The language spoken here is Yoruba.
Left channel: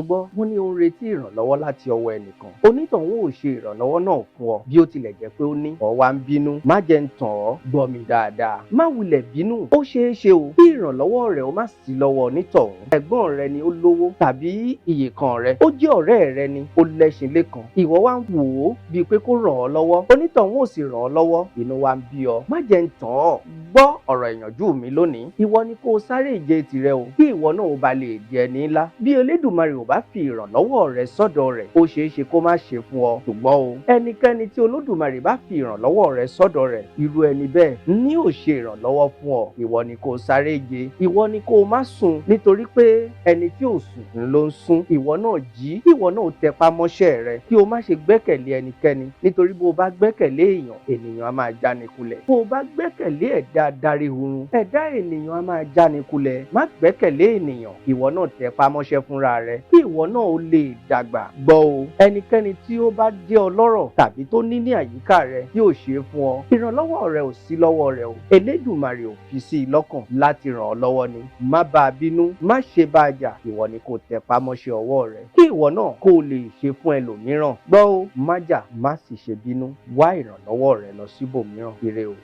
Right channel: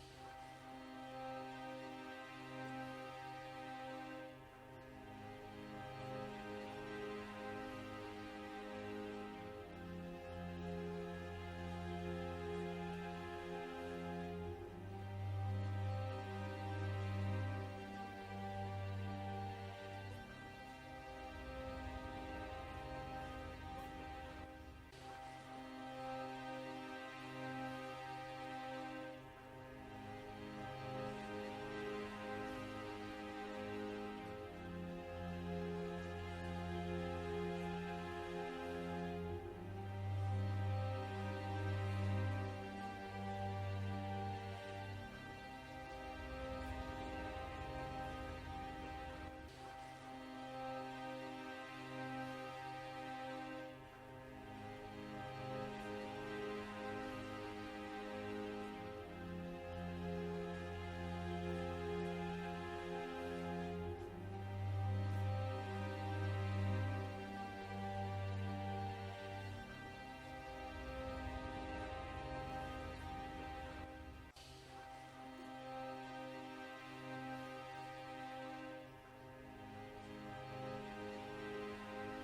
gbọ́ wọ́n ní ó ń retí ìrànlọ́wọ́ láti ọwọ́ ẹnìkan onítọ̀hún ò ṣe ìrànlọ́wọ́ náà fún ọ bí ó tilẹ̀ jẹ́ pé ó ní ó wá ń bínú má jẹ́ ń tàn ọ́ gbọ́ mi dáadáa má wulẹ̀ bínú ó ṣeé ṣe o kí ìrànlọ́wọ́ rẹ̀ ó má sí lọ́wọ́ onítọ̀hún ẹ̀gbọ́n rẹ ni ó lówó tàbí ìyèkan rẹ ó jẹ́ ọ̀rẹ́ rẹ ni ó lẹ́ṣin lẹ́kan ìwọ wá ń wò ó bíi pé kó ràn ọ́ lọ́wọ́ onítọ̀hún ò sì ràn ọ́ lọ́wọ́ inú wa ń bí ọ má jẹ́ ń tàn ọ́ gbọ́ ọ̀rọ̀ ìyànjú mi lónìí ìwọ ni kó o sáré ìje tirẹ̀ o kí ìwọ náà ó ba lè di ẹni ńlá bí Elédùmarè ò bá fi ìrànlọ́wọ́ rẹ sọ́dọ̀ rẹ̀ ó ṣeé ṣe kó má ṣe fún ọ ṣùgbọ́n o ẹnikẹ́ni tí Olódùmarè bá fi ìrànlọ́wọ́ rẹ sọ́dọ̀ rẹ̀ irú ẹni bẹ́ẹ̀ ní ò ṣe ìrànlọ́wọ́ fún ọ ìwọ ni kó o sáré ìje ìwọ ni kó o má sùn nítorí pé ẹni tí ò sùn ló ń sùn ìwọ náà jí ìwọ náà tẹpá mọ́ṣẹ́ rẹ kí o má ṣe gbẹ́kẹ̀lé ẹnikẹ́ni nítorí bó o bá gbẹ́kẹ̀lé ènìyàn á máa jáni kulẹ̀ bó o bá gbẹ́kẹ̀lé ẹ̀dá adarí hurun ẹ̀dá ènìyàn á máa jáni kulẹ̀ má gbẹ́kẹ̀lé ènìyàn ìwọ náà tẹpá mọ́ṣẹ́ fúnra rẹ kí ìwọ náà ó lè dàgbà gbọ́ o ẹnikẹ́ni tí ó bá jẹ́ ọlọ́rọ̀ tàbí tó ní àyíká rẹ yóò ṣe é fún ọ ìrànlọ́wọ́ rẹ ò sí lọ́wọ́ rẹ o Elédùmarè ò fi sí i lọ́kàn láti ràn ọ́ lọ́wọ́ ni má bá a bínú má ṣe bá a jà ìwọ ni kò tẹpá mọ́ṣẹ́ ọwọ́ rẹ kí ìwọ náà kó o lè ṣe fún ẹlòmíràn gbọ́ o má jà má sì ṣe bínú wá ìrànlọ́wọ́ rẹ lọ síbòmíràn ire o.